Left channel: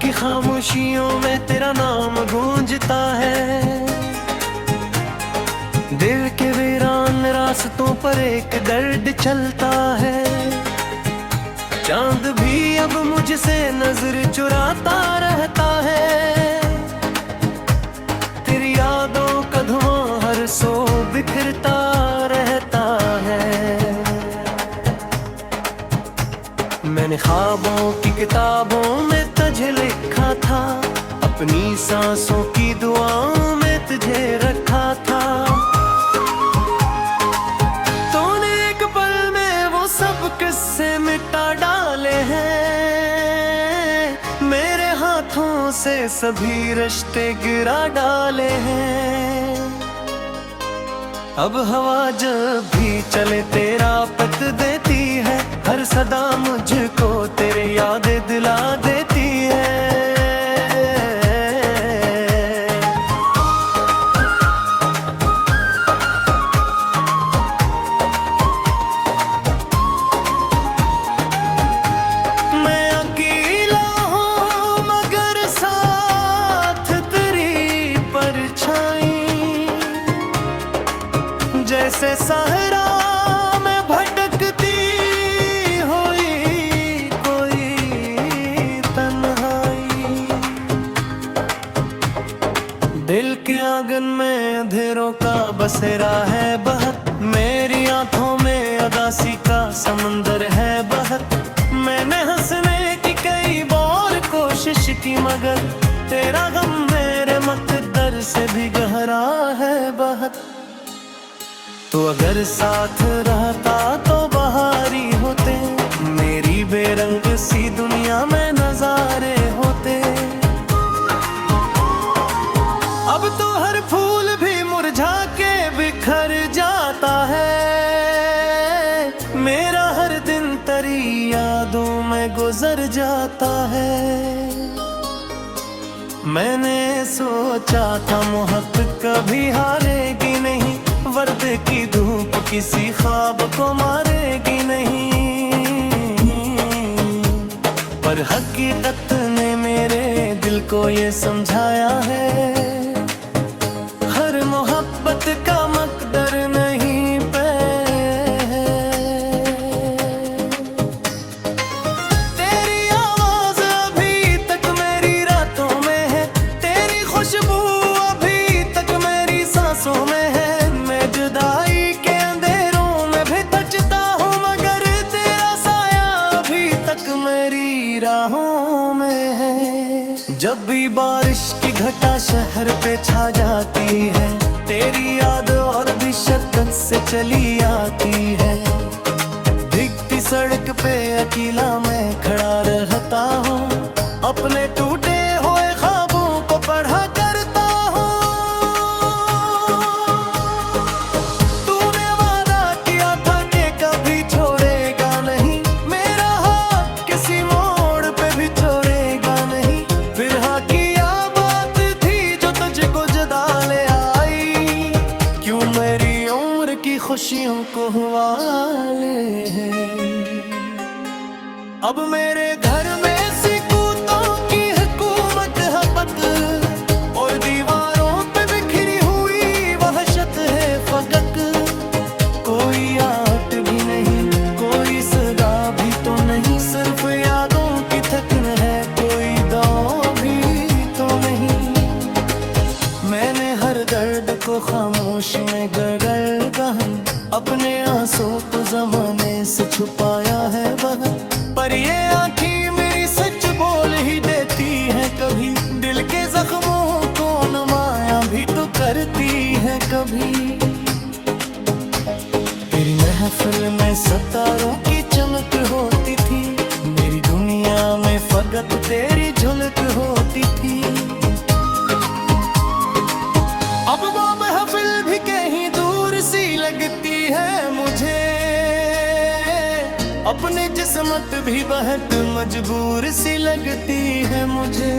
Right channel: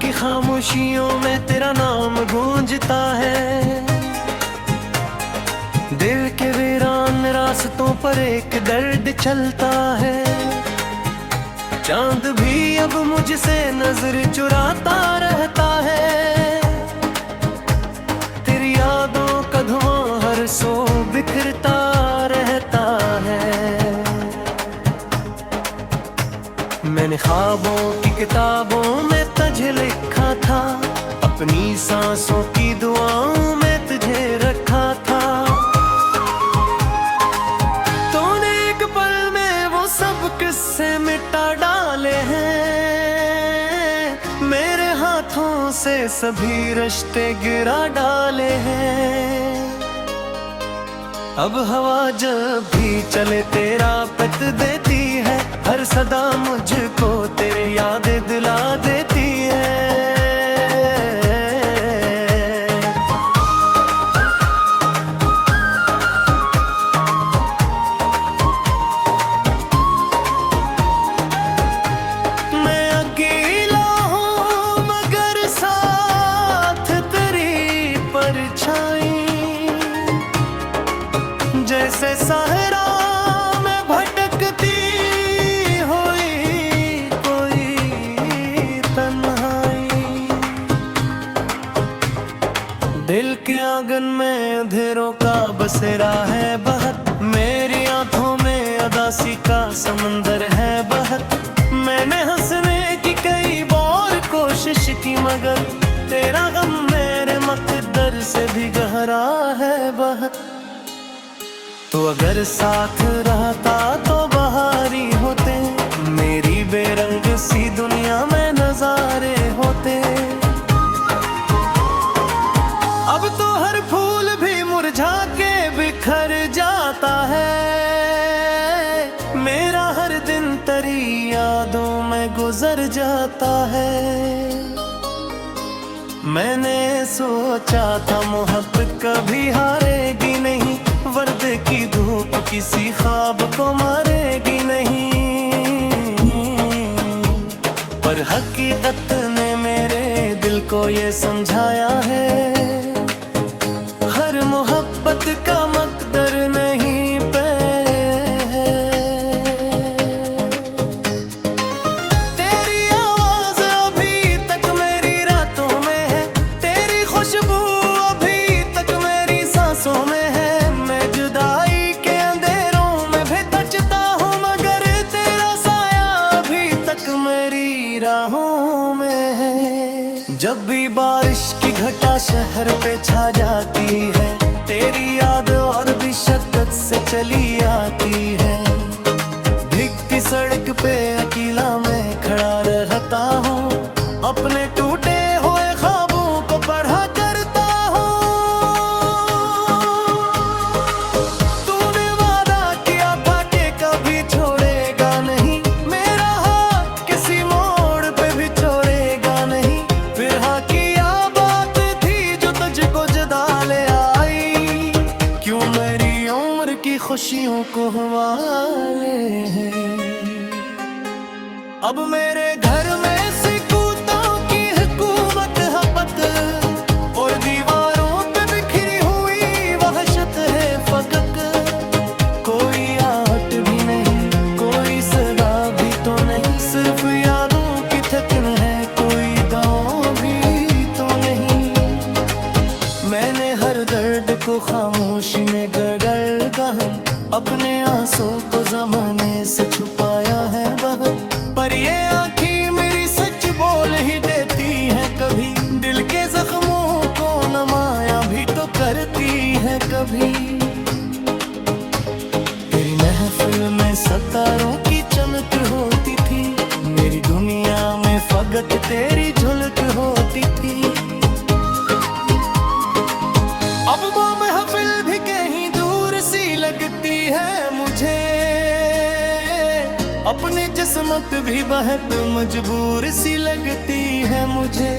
की खामोशियों में तेरा नाम गूंजता है। दिल के वीरान रास्तों पर एक दर्द चलता है। चांद भी अब मुझसे नजर चुराता रहता है। तेरी यादों का धुआं हर सो बिखरता रहता है। मैंने ख्वाबों की किताबों में तुझे लिखा था, अपनी सांसों की दुआओं में तुझे रखा था। तूने एक पल में वो सब किस्से मिटा डाले हैं। मेरे हाथों से सभी रिश्ते गिरा डाले हैं। अब हवा जब भी चले तेरा पत देती है। हर सदा मुझको तेरी यादें दिला देती है। मैं अकेला हूँ मगर साथ तेरी परछाई। जैसे सहरा में भटकती हुई कोई तन्हाई। दिल के आंगन में अंधेरों का बसेरा है बहत। मेरी आंखों में अदासी का समंदर है बहत। मैंने हंसने की कई बार कोशिश की मगर तेरा गम मेरे मकद्दर से भी गहरा है बहत। तो अगर साथ रहता तो बहारी होते। मेरी बेरंग सी दुनिया में नजारे होते। अब तो हर फूल भी मुरझा के बिखर जाता है। मेरा हर दिन तेरी यादों में गुजर जाता है। मैंने सोचा था मोहब्बत कभी हारेगी नहीं। वर्द की धूप किसी ख्वाब को मारेगी नहीं। पर हकीकत ने मेरे दिल को ये समझाया है। हर मोहब्बत का मकदर नहीं पे है। तेरी आवाज अभी तक मेरी रातों में है। तेरी खुशबू अभी तक मेरी सांसों में है। जुदाई के अंधेरों में भी तकता हूँ मगर तेरा साया अभी तक मेरी राहों में है। जब भी बारिश की घटा शहर पे छा जाती है। तेरी याद और भी शक्कत से चली आती है। भीगती सड़क पे अकेला मैं खड़ा रहता हूँ। अपने टूटे हुए ख्वाबों को पढ़ा करता हूँ। की खुशियों को हवाले हैं। अब मेरे घर में सिकूतों की हुकूमत है पत। और दीवारों पे बिखरी हुई वहशत है फगक। कोई आहट भी नहीं, कोई सदा भी तो नहीं। सिर्फ यादों की थकन है, कोई दांव भी तो नहीं। मैंने हर दर्द को खामोशी में गड़गड़ गहन। अपने आंसू को ज़माने से छुपाया है बहुत। पर ये आँखें मेरी सच बोल ही देती हैं कभी। दिल के जख्मों को नमाया भी तो करती है कभी। तेरी महफिल में सितारों की चमक होती थी। मेरी दुनिया में फकत तेरी झलक होती थी। अब वो महफिल भी कहीं दूर सी लगती है मुझे। अपनी जिस्मत भी बहुत मजबूर सी लगती है मुझे।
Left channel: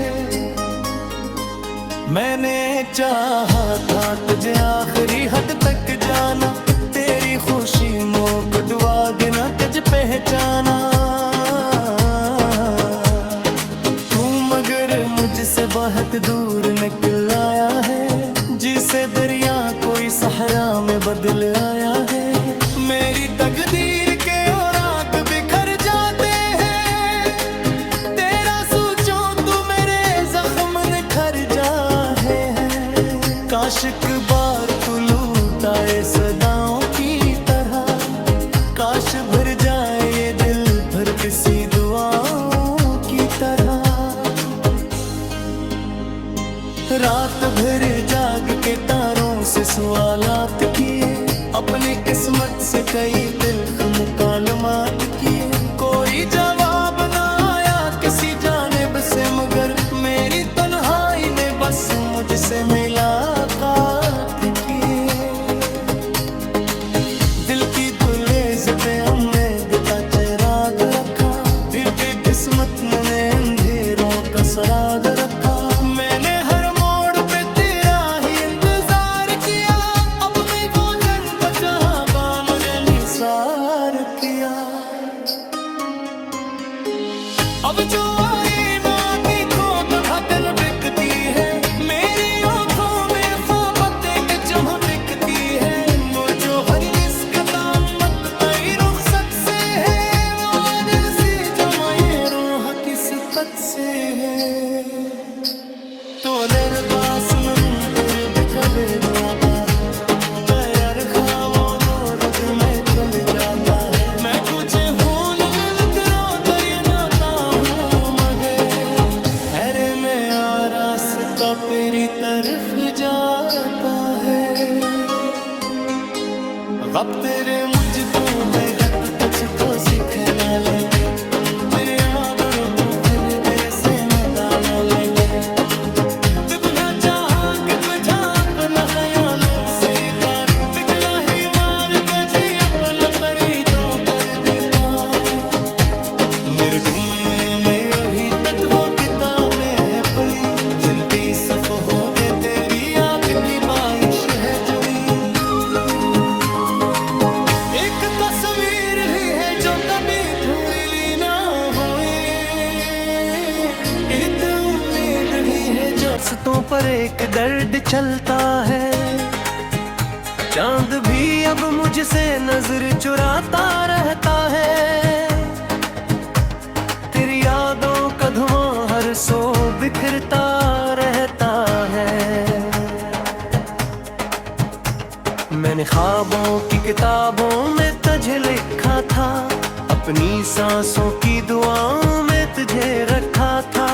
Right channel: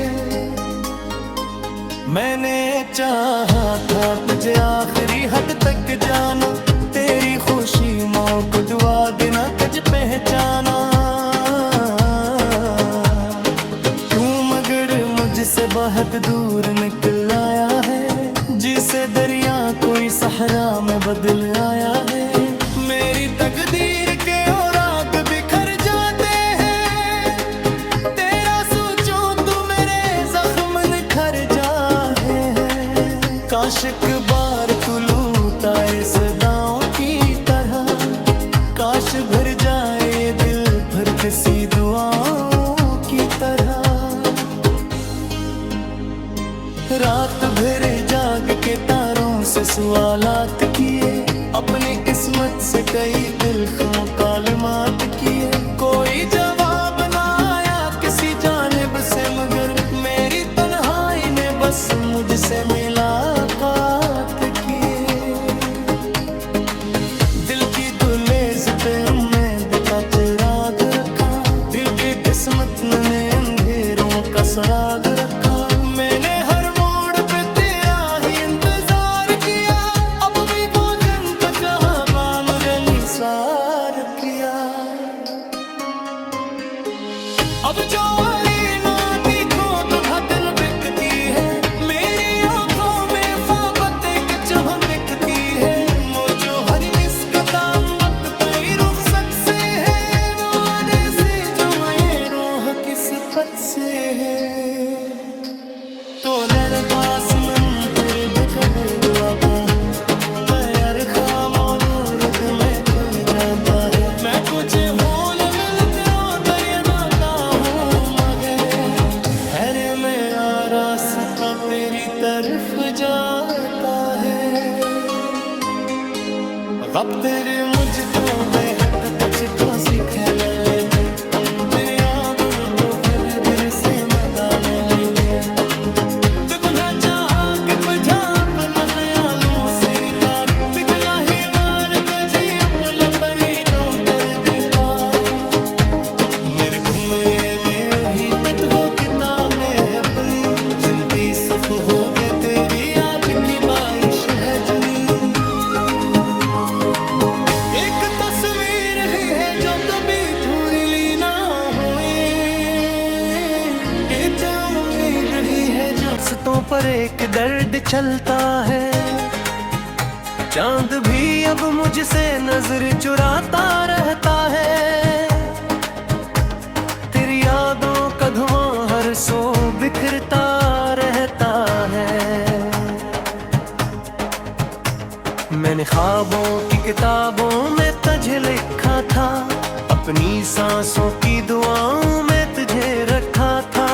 मैंने चाहा था तुझे आखिरी हद तक जाना। तेरी खुशी मोक दुआ बिना कज पहचाना। तू मगर से बहुत दूर निकल आया है, जिसे दरिया कोई सहरा में बदल आया है। मेरी तकदीर के और आग बिखर जाते हैं, तेरा सोचो तू मेरे जख्म निखर जाए हैं। काश एक बार तू लूट आए सदाओं की तरह, काश भर जाए ये दिल भर किसी दुआओं की तरह। रात भर जाग के तारों से सवालात किए, अपनी किस्मत से कई तिल्ख मुकालमात किए। कोई जवाब ना आया किसी जानिब से, मगर मेरी तन्हाई ने बस मुझसे मुलाकात किए। दिल की दुलेज पे उम्मीद का चिराग रखा, दिल की किस्मत ने अंधेरों का सराग रखा। मैंने हर मोड़ पे तेरा ही इंतजार किया, अपनी भोजन का जहां मुझे निसार किया। अब जो ना देखो तो धड़कन बिकती है, मेरी आंखों में ख्वाबत एक चमक दिखती है। मुझे हर इस कदम मत कई रुखसत से है, वो जैसे जो मैं रूह किस्मत से है। तो दर पास में फिर बिखरे दुआ का, तैयार खामो नूर में खुल जाता है। मैं कुछ भूल में आ रास्ता तेरी तरफ जाता है। वक्त तेरे मुझको बेहद कुछ को सिखला लेते, तेरे आबरू तो फिर दिल से मदाना लेते। कितना चाहा कि बुझा अपना ख्यालों से कार, पिघला ही मार तुझे अपना परी तो कर देता। मेरे गुमे में वही तत्वों किताब में है पली, जिनपी सुख हो गए तेरी याद की बारिश है जुड़ी। एक तस्वीर ही है जो कभी पूरी ली ना हुई, एक उम्मीद ही है जो रास्तों पर एक दर्द चलता है। चांद भी अब मुझसे नजर चुराता रहता है, तेरी यादों का धुआं हर सो बिखरता रहता है। मैंने ख्वाबों की किताबों में तुझे लिखा था, अपनी सांसों की दुआओं में तुझे रखा था।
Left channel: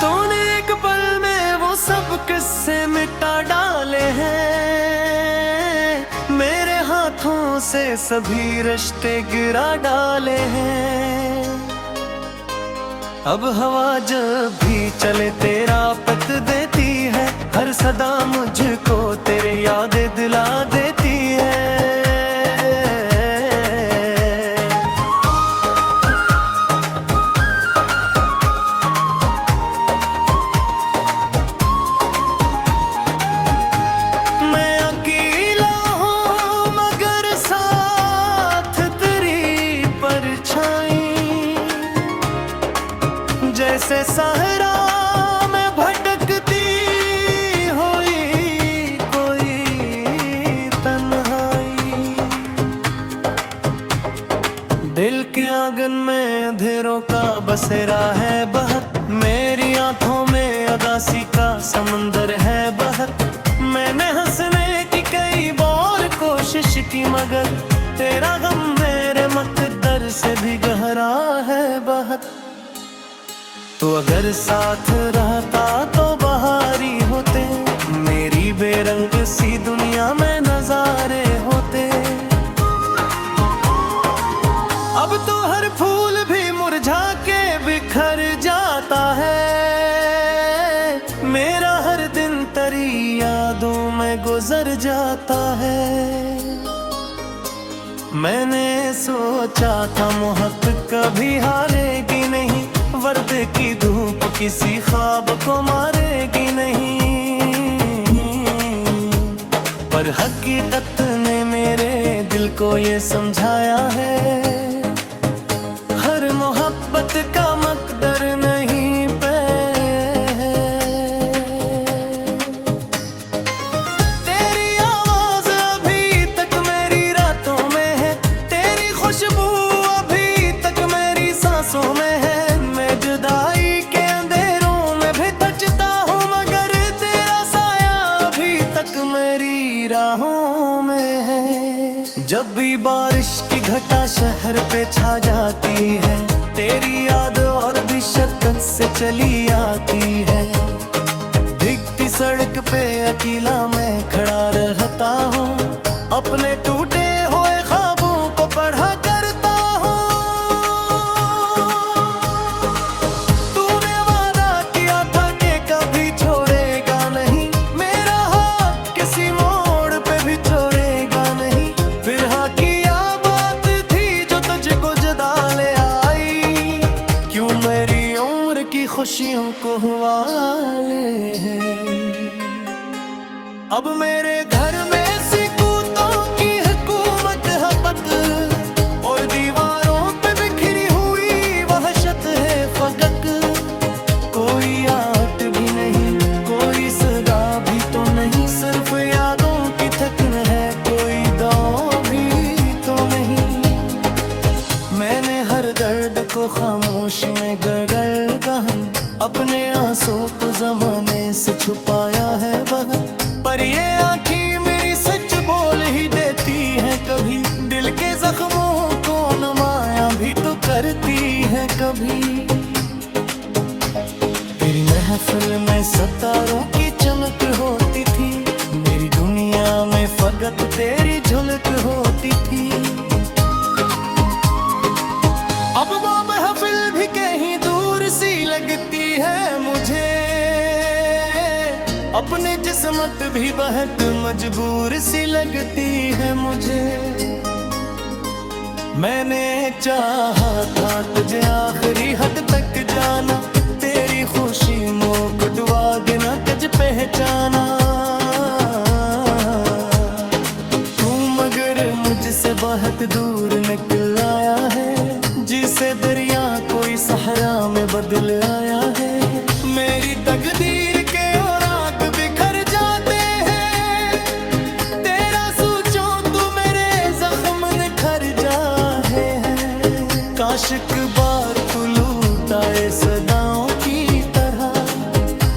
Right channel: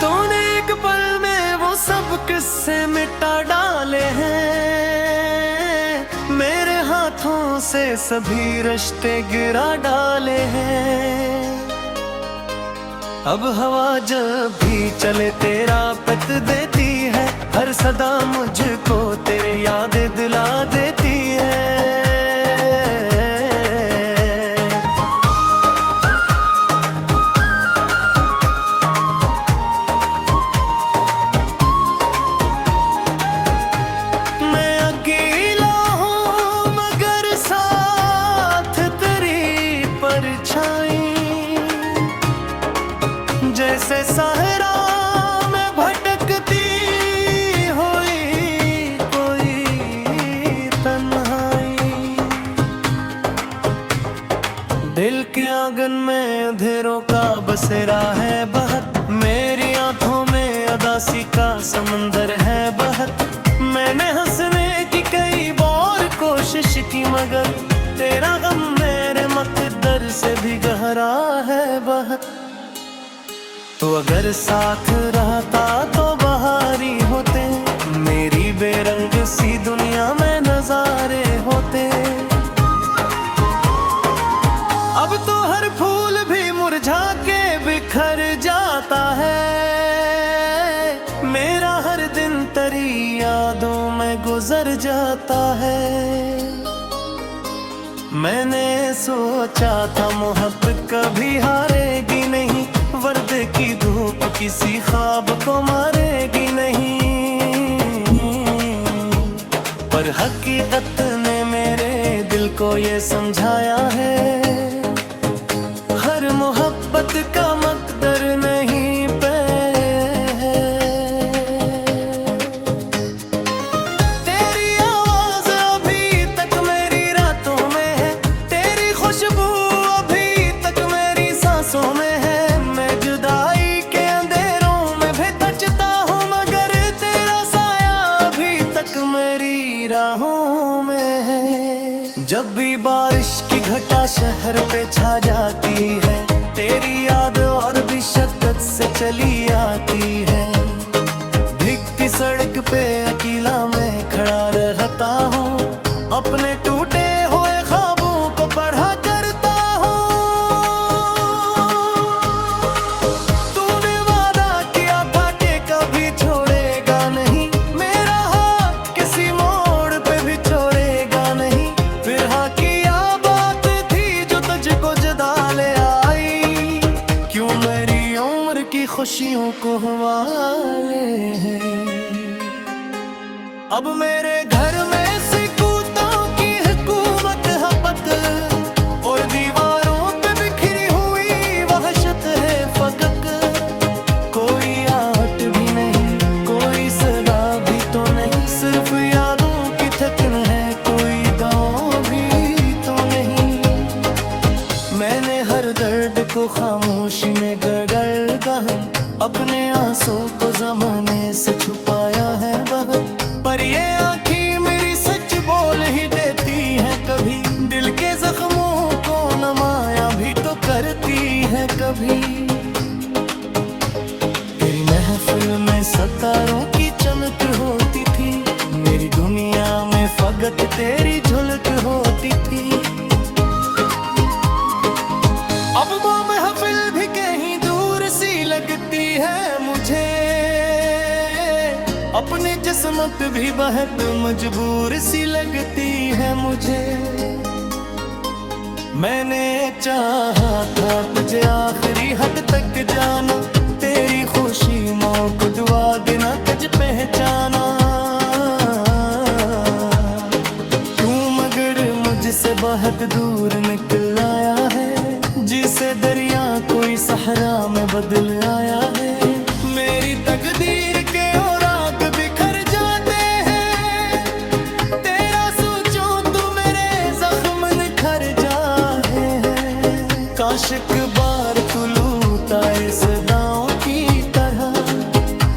तूने एक पल में वो सब किस्से मिटा डाले हैं, मेरे हाथों से सभी रिश्ते गिरा डाले हैं। अब हवा जब भी चले तेरा पत देती है, हर सदा मुझको तेरी याद दिला देती है। मैं अकेला हूँ मगर साथ तेरी परछाई, जैसे सहरा में भटकती हुई कोई तन्हाई। दिल के आंगन में अंधेरों का बसेरा है बहुत, मेरी आंखों में उदासी का समंदर है बहुत। मैंने हंसने की कई बार कोशिश की, मगर तेरा गम मेरे मकद्दर से भी गहरा है बहुत। तो अगर साथ रहता तो बहारी होते, मेरी बेरंग सी दुनिया में नजारे होते। अब तो हर फूल भी मुरझा के बिखर जाता है, मेरा हर दिन तेरी यादों में गुजर जाता है। मैंने सोचा था मोहब्बत कभी हारेगी नहीं, वर्दे की धूप किसी ख्वाब को मारेगी नहीं। पर हकीकत ने मेरे दिल को ये समझाया है, हर मोहब्बत का मकदर नहीं बारिश की घटा शहर पे छा जाती है, तेरी याद और भी शिद्दत से चली आती है। भीगती सड़क पे अकेला मैं खड़ा रहता हूँ, अपने टूटे हुए ख्वाबों को पढ़ा करता हूँ। तूने वादा किया था कि कभी छोड़ेगा नहीं, मेरा हाथ किसी मोड़ पे भी छोड़ेगा नहीं। फिर हाँ किया बात थी जो तुझको जुदा ले आई, क्यों मेरी उम्र की खुशियों को हवाले हैं। अब मेरे घर में सिकूतों की हुकूमत हपत, और दीवारों पे बिखरी हुई वहशत है फकत। कोई आट भी नहीं, कोई सदा भी तो नहीं, सिर्फ यादों की थकन है, कोई दांव भी तो नहीं। मैंने हर दर्द को खामोशी में गड़गड़ गहन, अपने आंसू को ज़माने से छुपाया है बहुत। पर ये आँखें मेरी सच बोल ही देती हैं कभी, दिल के जख्मों को नमाया भी तो करती हैं कभी। तेरी महफिल में सितारों की चमक होती थी, मेरी दुनिया में फकत तेरी झलक होती थी। अब वो महफिल भी कहीं दूर सी लगती है मुझे, अपनी जिस्मत भी बहुत मजबूर सी लगती है मुझे। मैंने चाहा था तुझे आखिरी हद तक जाना, तेरी खुशी मोक दुआ बिना कज पहचाना। तू मगर मुझसे बहुत दूर निकल आया है, जिसे दरिया कोई सहरा में बदल आया है। मेरी तकदीर के और आग बिखर जाते हैं, तेरा सोचो तू मेरे जख्म निखर जाए हैं। काश एक बार तू लूटाए सदाओं की तरह,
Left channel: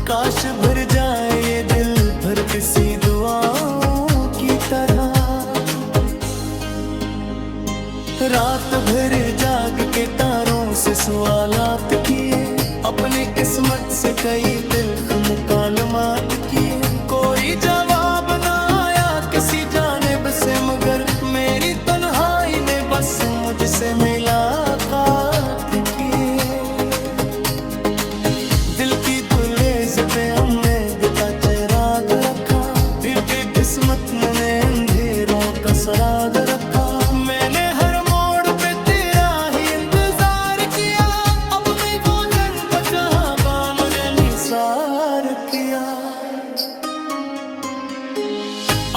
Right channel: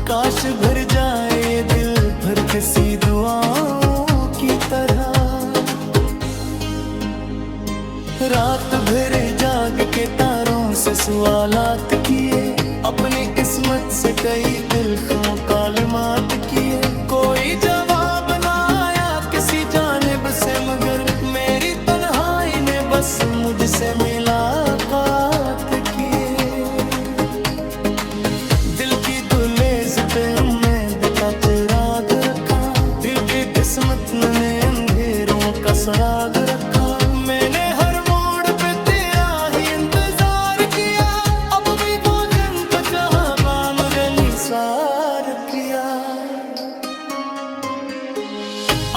काश भर जाए ये दिल भर किसी दुआओं की तरह। रात भर जाग के तारों से सवालात किए, अपनी किस्मत से कई तिल्ख मुकालमात किए। कोई जवाब ना आया किसी जानिब से, मगर मेरी तन्हाई ने बस मुझसे मुलाकात किए। दिल की दुलेज पे उम्मीद का चिराग रखा, दिल की किस्मत ने अंधेरों का सराग रखा। मैंने हर मोड़ पे तेरा ही इंतजार किया, अब भी वो जन का चाहबा मगर निसार किया।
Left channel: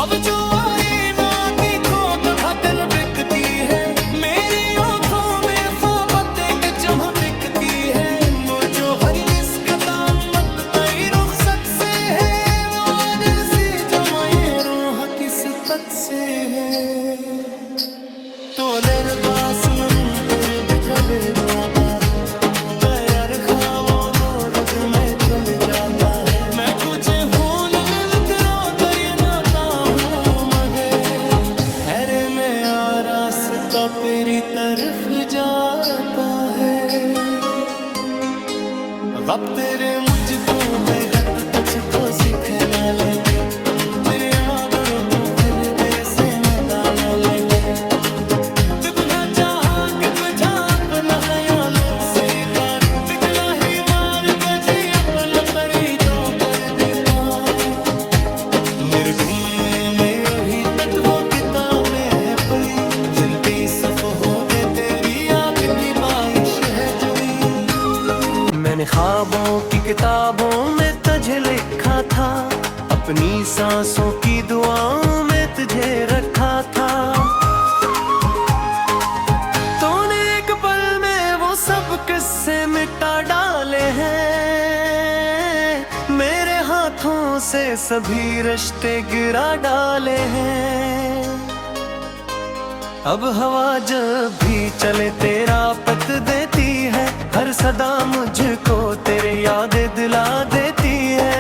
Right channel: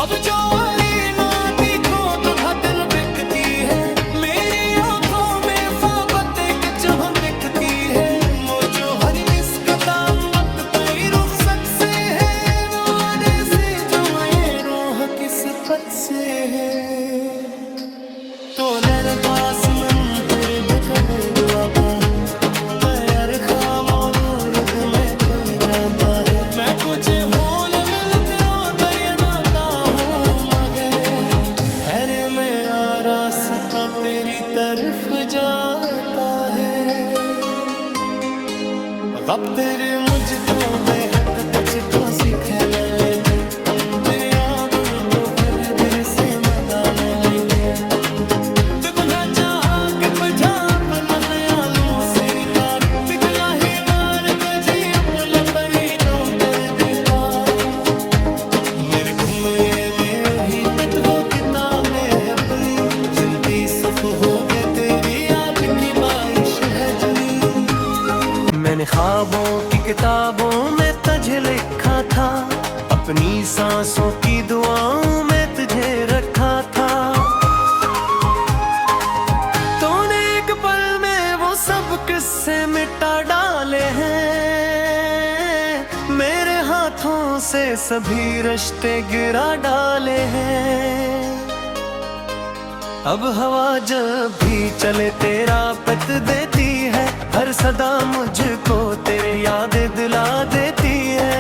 अब जो आई ना देखो तो दिल बिकती है, मेरी आंखों में फाबत एक चमक दिखती है। मुझो हर इस कदम मत तई रुखसत से है, वो जैसे जो मैं रूह किस्मत से है। तो तेरे पास मन तेरे बिकले दुआता है, तैयार खामो दूर में चल जाता है। मैं कुछ भूल मिलते रोता या रोता हूँ, मगर हैरे में आ रास्ता तेरी तरफ जाता है। अब तेरे मुझको बेहद तुझको सिखला लेते, तेरे आबरू तो फिर दिल से मदान लेते। मेरे गुमे में वही तत्वों किताबें है पली, जिन पे सफ हो गए तेरी याद की बारिश है जुड़ी। मैंने ख्वाबों की किताबों में तुझे लिखा था, अपनी सांसों की दुआओं में तुझे रखा था। तूने एक पल में वो सब किस्से मिटा डाले हैं, मेरे हाथों से सभी रिश्ते गिरा डाले हैं। अब हवा जब भी चले तेरा पत देती है, हर सदा मुझको तेरी याद दिला देती है।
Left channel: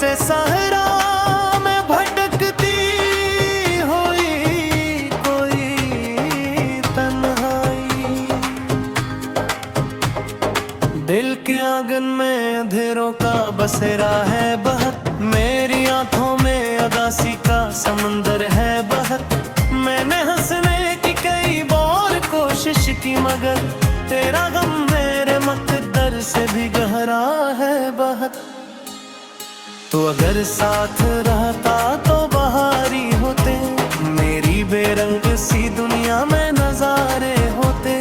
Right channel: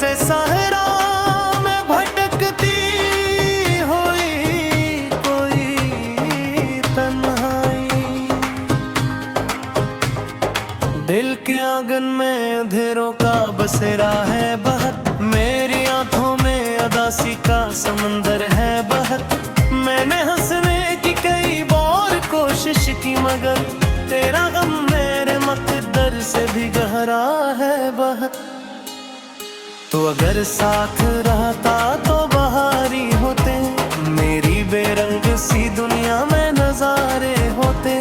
से सहरा में भटकती हुई कोई तन्हाई। दिल के आंगन में अंधेरों का बसेरा है बहत, मेरी आंखों में अदासी का समंदर है बहत। मैंने हंसने की कई बार कोशिश की मगर तेरा गम मेरे मकद्दर से भी गहरा है बहत। तो अगर साथ रहता तो बहारी होते, मेरी बेरंग सी दुनिया में नजारे होते।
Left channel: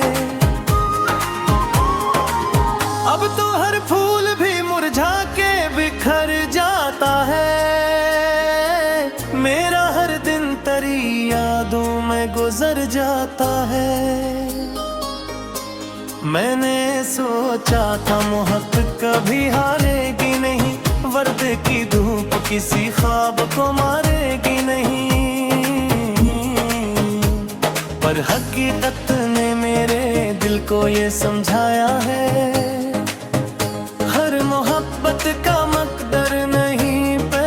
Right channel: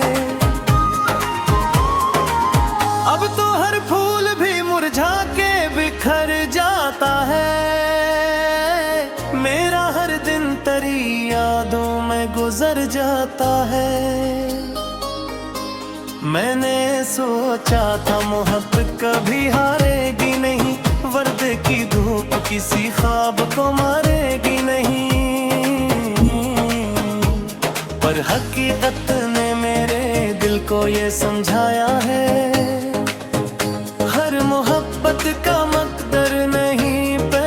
अब तो हर फूल भी मुरझा के बिखर जाता है, मेरा हर दिन तेरी यादों में गुजर जाता है। मैंने सोचा था मोहब्बत कभी हारेगी नहीं, वर्द की धूप किसी ख्वाब को मारेगी नहीं। पर हकीकत ने मेरे दिल को ये समझाया है, हर मोहब्बत का मकदर नहीं पे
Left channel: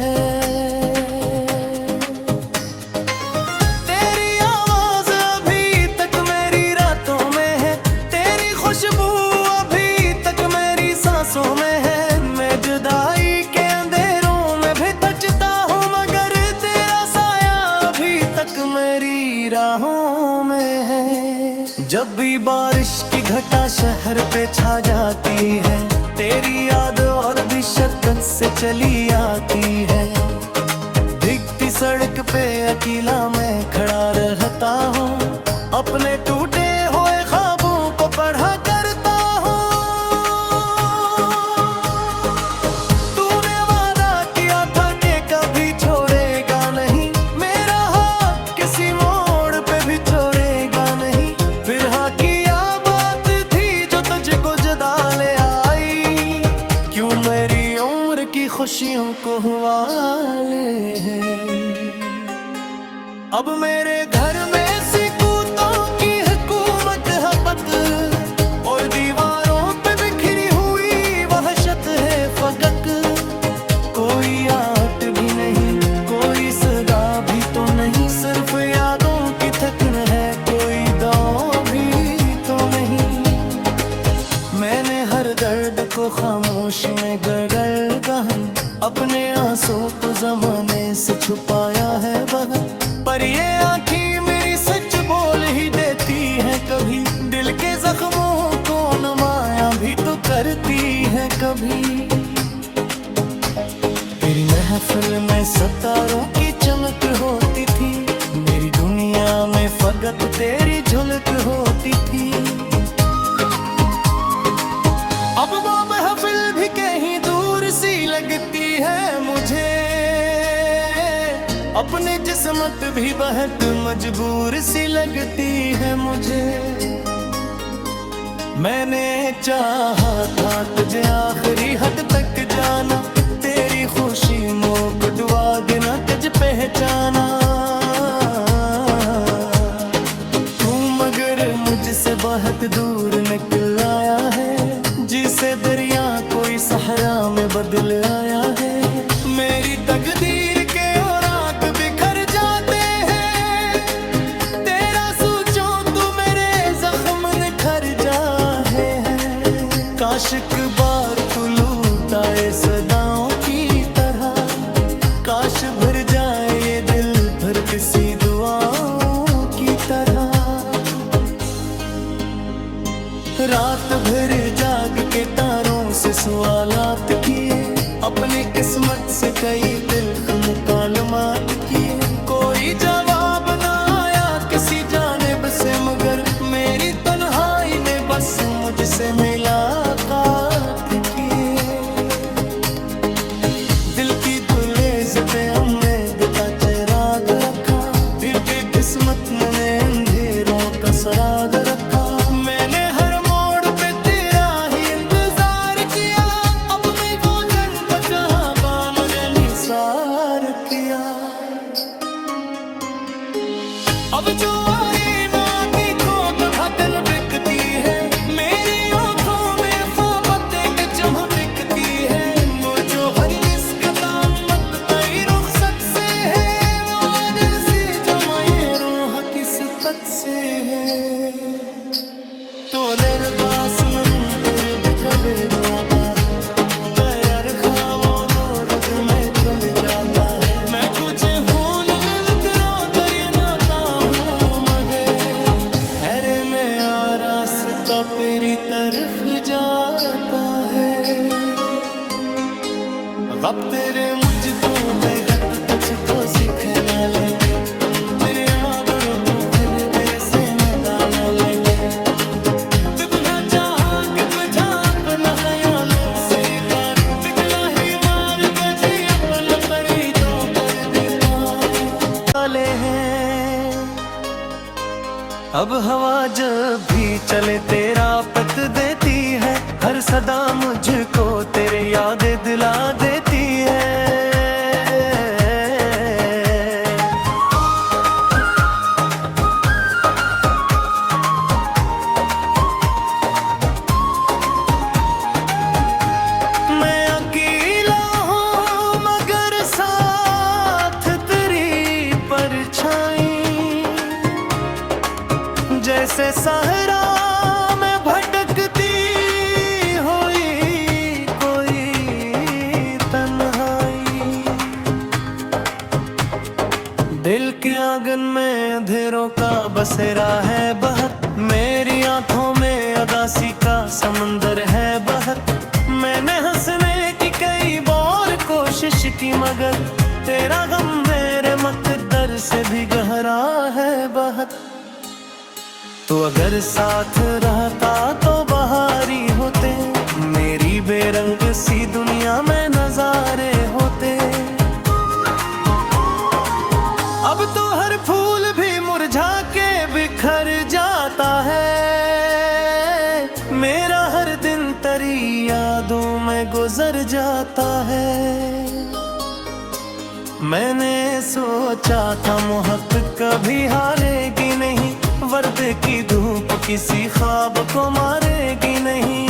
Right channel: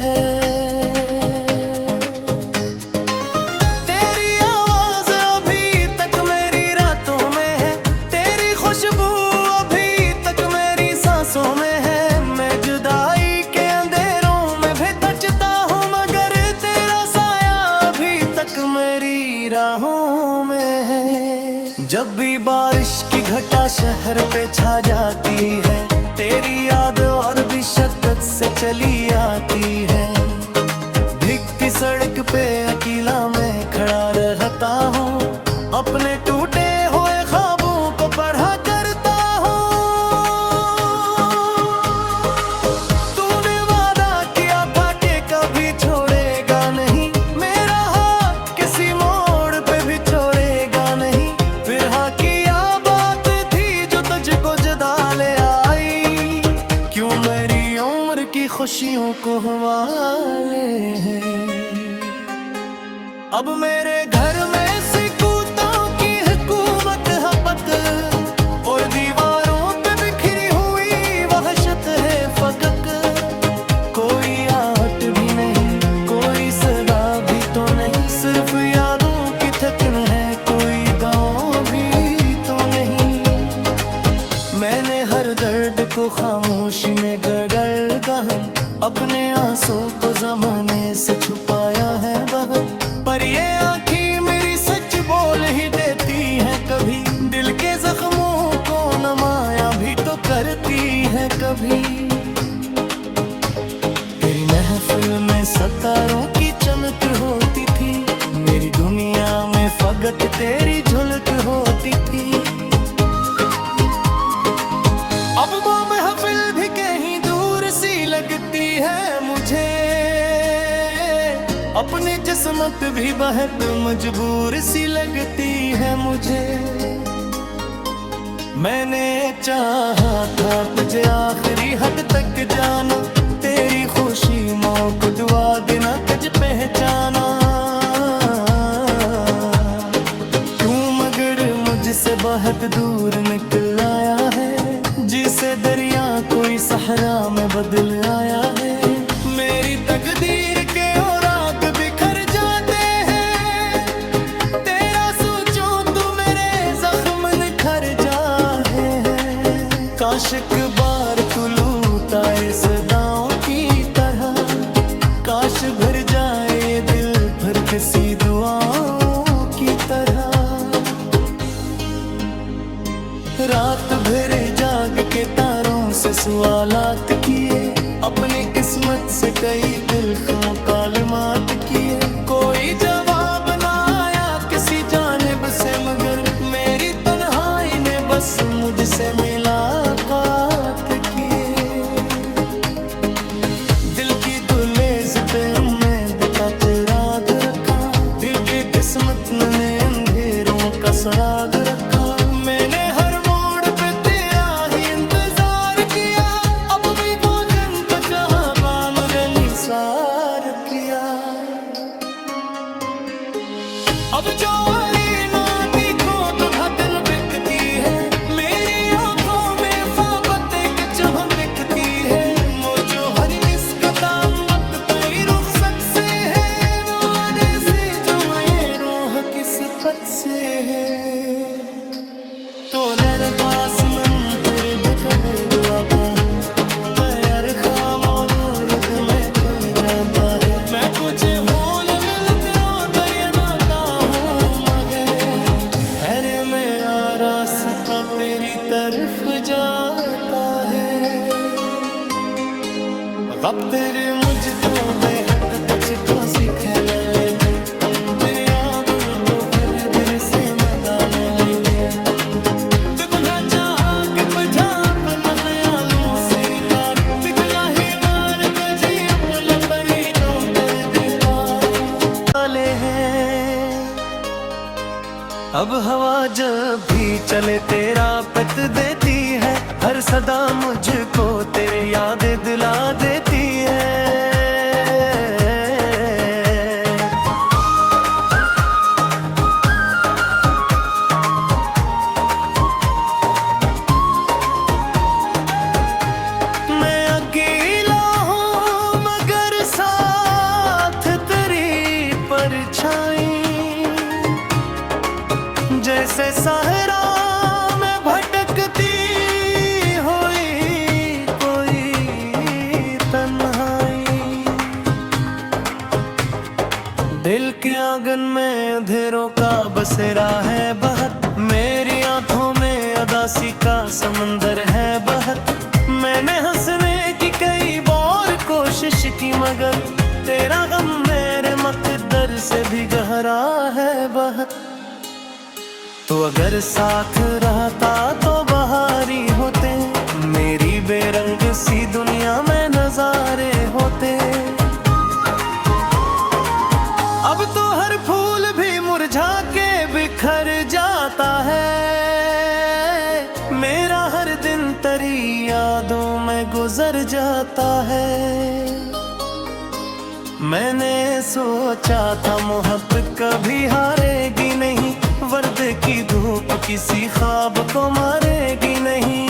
है। तेरी आवाज अभी तक मेरी रातों में है, तेरी खुशबू अभी तक मेरी सांसों में है। मैं जुदाई के अंधेरों में भी बचता हूँ मगर तेरा साया अभी तक मेरी राहों में है। जब भी बारिश की घटा शहर पे छा जाती है, तेरी याद और भी शक्कत से चली आती है। भीगती सड़क पे अकेला मैं खड़ा रहता हूँ, अपने टूटे हुए ख्वाबों को पढ़ा करता हूँ। तूने वादा किया था कि कभी छोड़ेगा नहीं, मेरा हाथ किसी मोड़ पे भी छोड़ेगा नहीं। फिर हाँ किया बात थी जो तुझको जुदा ले आई, क्यों मेरी उम्र की खुशियों को हवाले हैं। अब मेरे घर में सिकूतों की हुकूमत है पत, और दीवारों पे बिखरी हुई वहशत है फगक। कोई आट भी नहीं, कोई सदा भी तो नहीं, सिर्फ यादों की थकन है, कोई दांव भी तो नहीं। मैंने हर दर्द को खामोशी में गड़गड़ गहन, अपने आंसू को ज़माने से छुपाया है बहुत। पर ये आँखें मेरी सच बोल ही देती हैं कभी, दिल के जख्मों को नमाया भी तो करती है कभी। तेरी महफिल में सितारों की चमक होती थी, मेरी दुनिया में फकत तेरी झलक होती थी। अब वो महफिल भी कहीं दूर सी लगती है मुझे, अपनी जिस्मत भी बहुत मजबूर सी लगती है मुझे। मैंने चाहा था तुझे आखिरी हद तक जाना, तेरी खुशी मोक दुआ देना कज पहचाना। तू मगर मुझसे बहुत दूर निकल आया है, जिसे दरिया कोई सहरा में बदल आया है। मेरी तकदीर के और आग बिखर जाते हैं, तेरा सोचो तू मेरे जख्म निखर जाए हैं। काश एक बार तू लूटाए सदाओं की तरह, काश भर जाए ये दिल भर किसी दुआओं की तरह। रात भर जाग के तारों से सवालात किए, अपनी किस्मत से कई तिल्ख मुकालमात किए। कोई जवाब ना आया किसी जानिब से, मगर मेरी तन्हाई ने बस मुझसे मुलाकात किए। दिल की दुलेज पे उम्मीद का चिराग रखा, दिल की किस्मत ने अंधेरों का सराग रखा। मैंने हर मोड़ पे तेरा ही इंतजार किया, अपनी वजन का जहां पान निसार किया। अब जो ना दिखो तो दिल बिकती है, मेरी आंखों में फाबत एक चमक दिखती है। मुझे हर निस्बत से है। तो तेरे पास मन तेरे बिटले दुआता तैयार खामो नूर में खुल जाता है। मैं कुछ भूल रास्ता तेरी तरफ जाता है। अब तेरे मुझको बेहद कुछ तो सिखला लेते तेरे आबरू तो फिर दिल से मदान लेते कितना चाह कि बजा अपना ख्यालों से पार पिघला ही मार कजी अपना परी तो कर दे पार हैं। अब हवा जब भी चले तेरा पत देती है, हर सदा मुझको तेरी यादें दिला देती है। मैं अकेला हूँ मगर साथ तेरी परछाई, जैसे सहरा में भटकती हुई कोई तन्हाई। दिल के आंगन में अंधेरों का बसेरा है बहत, मेरी आंखों में उदासी का समंदर है बहत। मैंने हंसने की कई बार कोशिश की मगर तेरा गम मेरे मकद्दर से भी गहरा है बहत। तो अगर साथ रहता तो बहारी होते, मेरी बेरंग सी दुनिया में नजारे होते। अब तो हर फूल भी मुरझा के बिखर जाता है, मेरा हर दिन तेरी यादों में गुजर जाता है। मैंने सोचा था मोहब्बत कभी हारेगी नहीं, वर्दे की धूप किसी ख्वाब को मारेगी नहीं,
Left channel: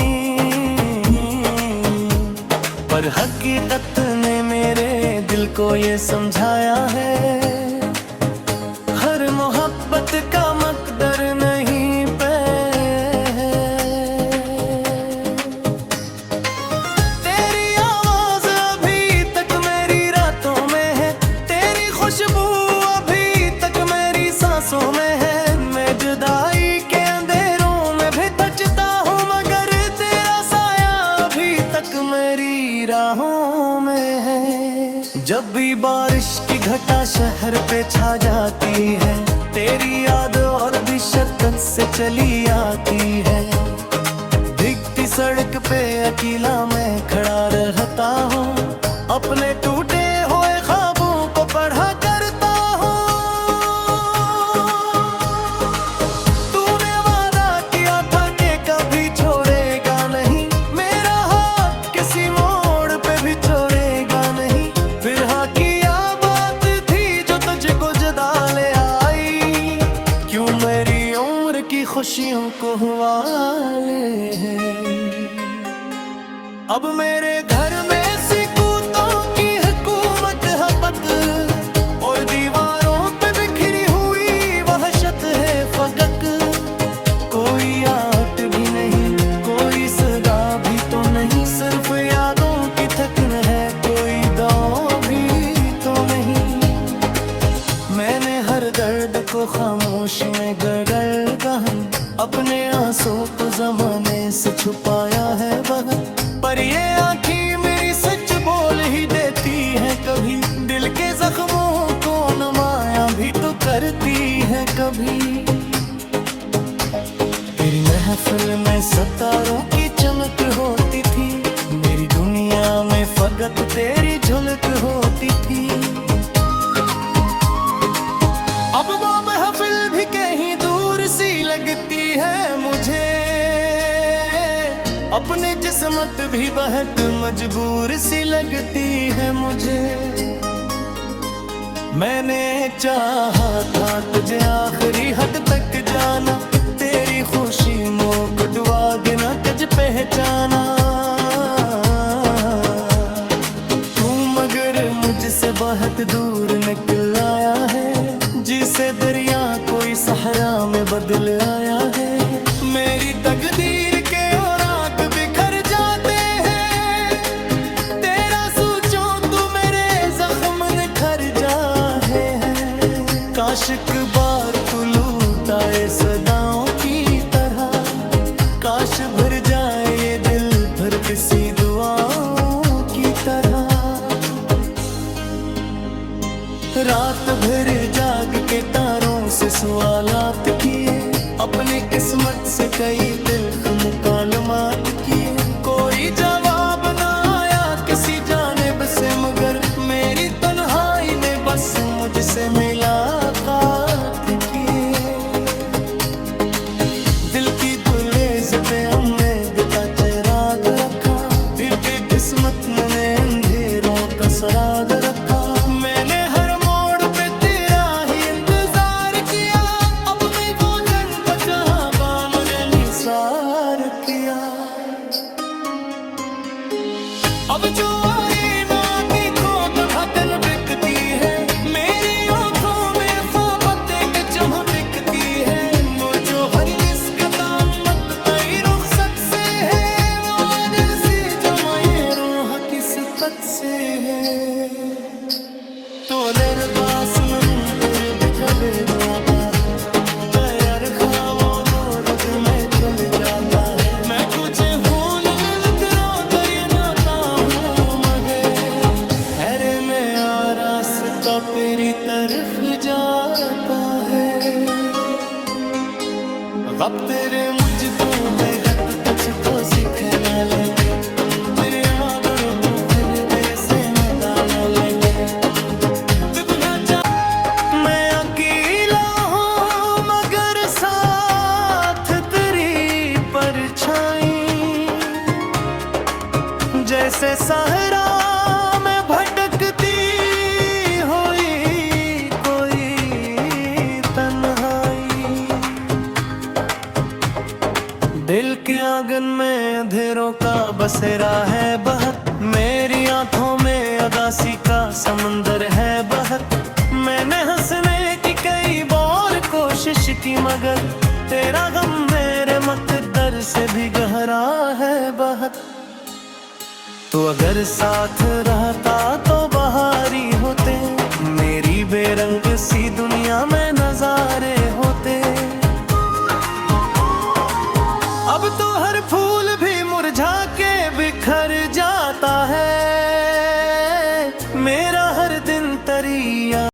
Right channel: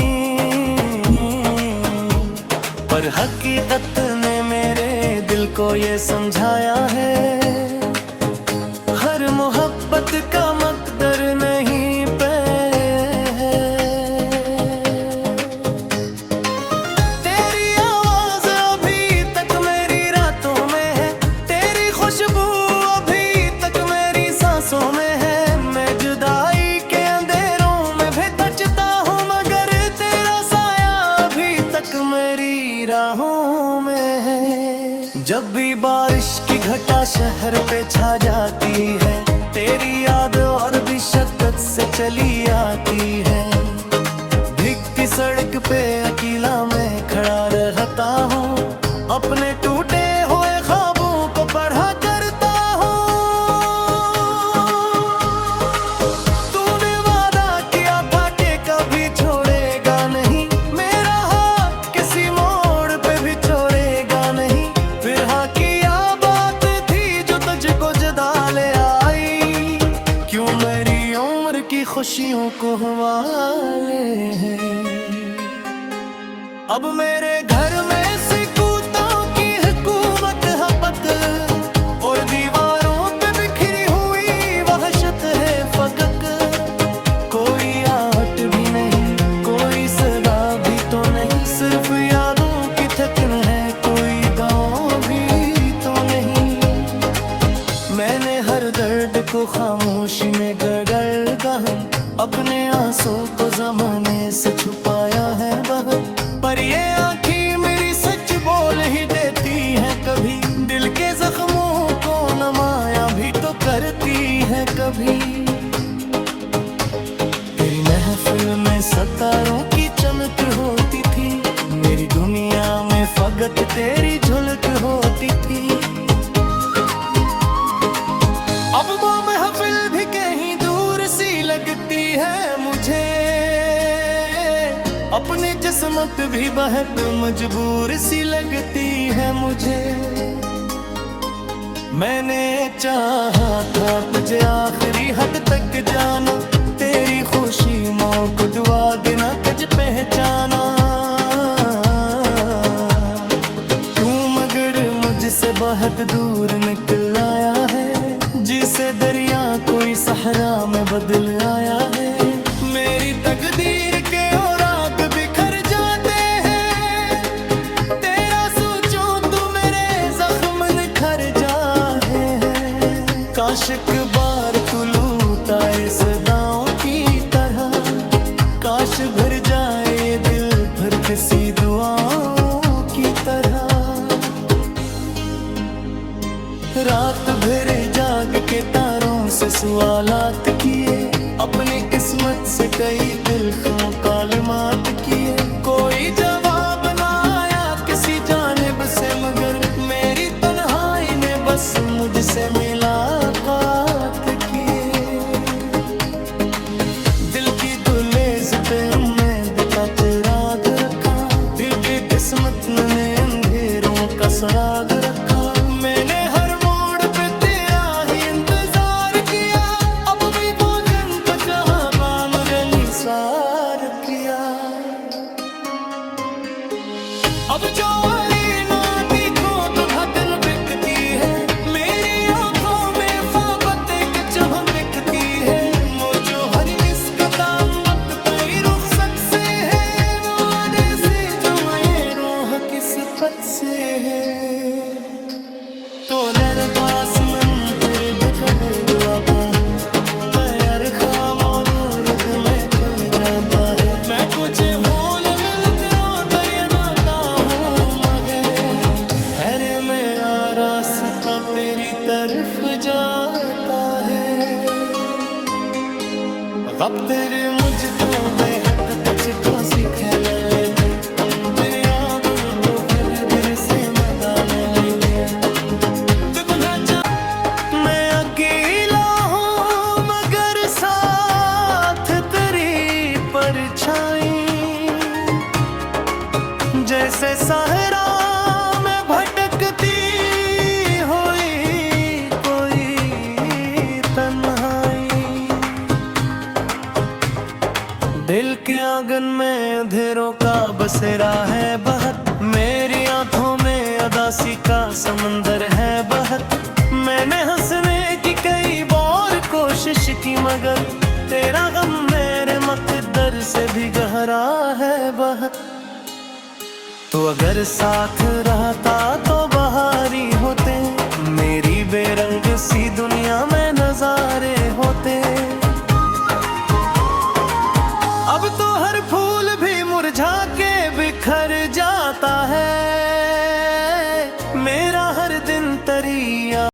पर हकीकत ने मेरे दिल को ये समझाया है, हर मोहब्बत का मकदर नहीं पे है। तेरी आवाज अभी तक मेरी रातों में है, तेरी खुशबू अभी तक मेरी सांसों में है। जुदाई के अंधेरों में भी बचता हूँ मगर तेरा साया अभी तक मेरी राहों में है। जब भी बारिश की घटा शहर पे छा जाती है, तेरी याद और भी शिद्दत से चली आती है। भीगती सड़क पे अकेला मैं खड़ा रहता हूँ, अपने टूटे हुए ख्वाबों को पढ़ा करता हूँ। की खुशियों को हवाले हैं, अब मेरे घर में सिकूतों की हुकूमत हपत, और दीवारों पे बिखरी हुई वहशत है फगक। कोई आट भी नहीं, कोई सदा भी तो नहीं, सिर्फ यादों की थकन है, कोई दांव भी तो नहीं। मैंने हर दर्द को खामोशी में गड़गड़ गहन, अपने आंसू को ज़माने से छुपाया है बहुत। पर ये आँखें मेरी सच बोल ही देती हैं कभी, दिल के जख्मों को नमाया भी तो करती हैं कभी। तेरी महफिल में सितारों की चमक होती थी, मेरी दुनिया में फकत तेरी झलक होती थी। अब वो महफिल भी कहीं दूर सी लगती है मुझे, अपनी जिस्मत भी बहुत मजबूर सी लगती है मुझे। मैंने चाहा था तुझे आखिरी हद तक जाना, तेरी खुशी मोक दुआ बिना कज पहचाना। तू मगर मुझसे बहुत दूर निकल आया है, जिसे दरिया कोई सहरा में बदल आया है। मेरी तकदीर के और आग बिखर जाते हैं, तेरा सोचो तू मेरे जख्म निखर जाए हैं। काश एक बार तू लूटाए सदाओं की तरह, काश भर जाए ये दिल भर किसी दुआओं की तरह। रात भर जाग के तारों से सवालात किए, अपने किस्मत से कई तिल्ख मुकालमात किए। कोई जवाब ना आया किसी जानिब से, मगर मेरी तन्हाई ने बस मुझसे मुलाकात किए। दिल की दुलेज पे उम्मीद का चिराग रखा, दिल की किस्मत ने अंधेरों का सराग रखा। मैंने हर मोड़ पे तेरा ही इंतजार किया, अब भी वो जन का जहां मुझे निसार किया। अब जो ना देखो तो दिल बिकती है, मेरी आंखों में फाबत एक चमक दिखती है। मुझो हर इस कदम मत तई रुखसत से है, वो जैसे जो मैं रूह किस्मत से है। तो तेरे पास मन तेरे बिटले दुआता, तैयार खामो दूर में चल जाता है। मैं कुछ भूल रोता हूँ मगर हैरे में आ रास्ता तेरी तरफ जाता है। अब तेरे मुझको बेहद कुछ को सिखला लेते, तेरे आबरू तो फिर दिल से मदान लेते। मैं अकेला हूँ मगर साथ तेरी परछाई, जैसे सहरा में भटकती हुई कोई तन्हाई। दिल के आंगन में अंधेरों का बसेरा है बहत, मेरी आंखों में अदासी का समंदर है बहत। मैंने हंसने की कई बार कोशिश की, मगर तेरा गम मेरे मकद्दर से भी गहरा है बहत। तो अगर साथ रहता तो बहारी होते, मेरी बेरंग सी दुनिया में नजारे होते।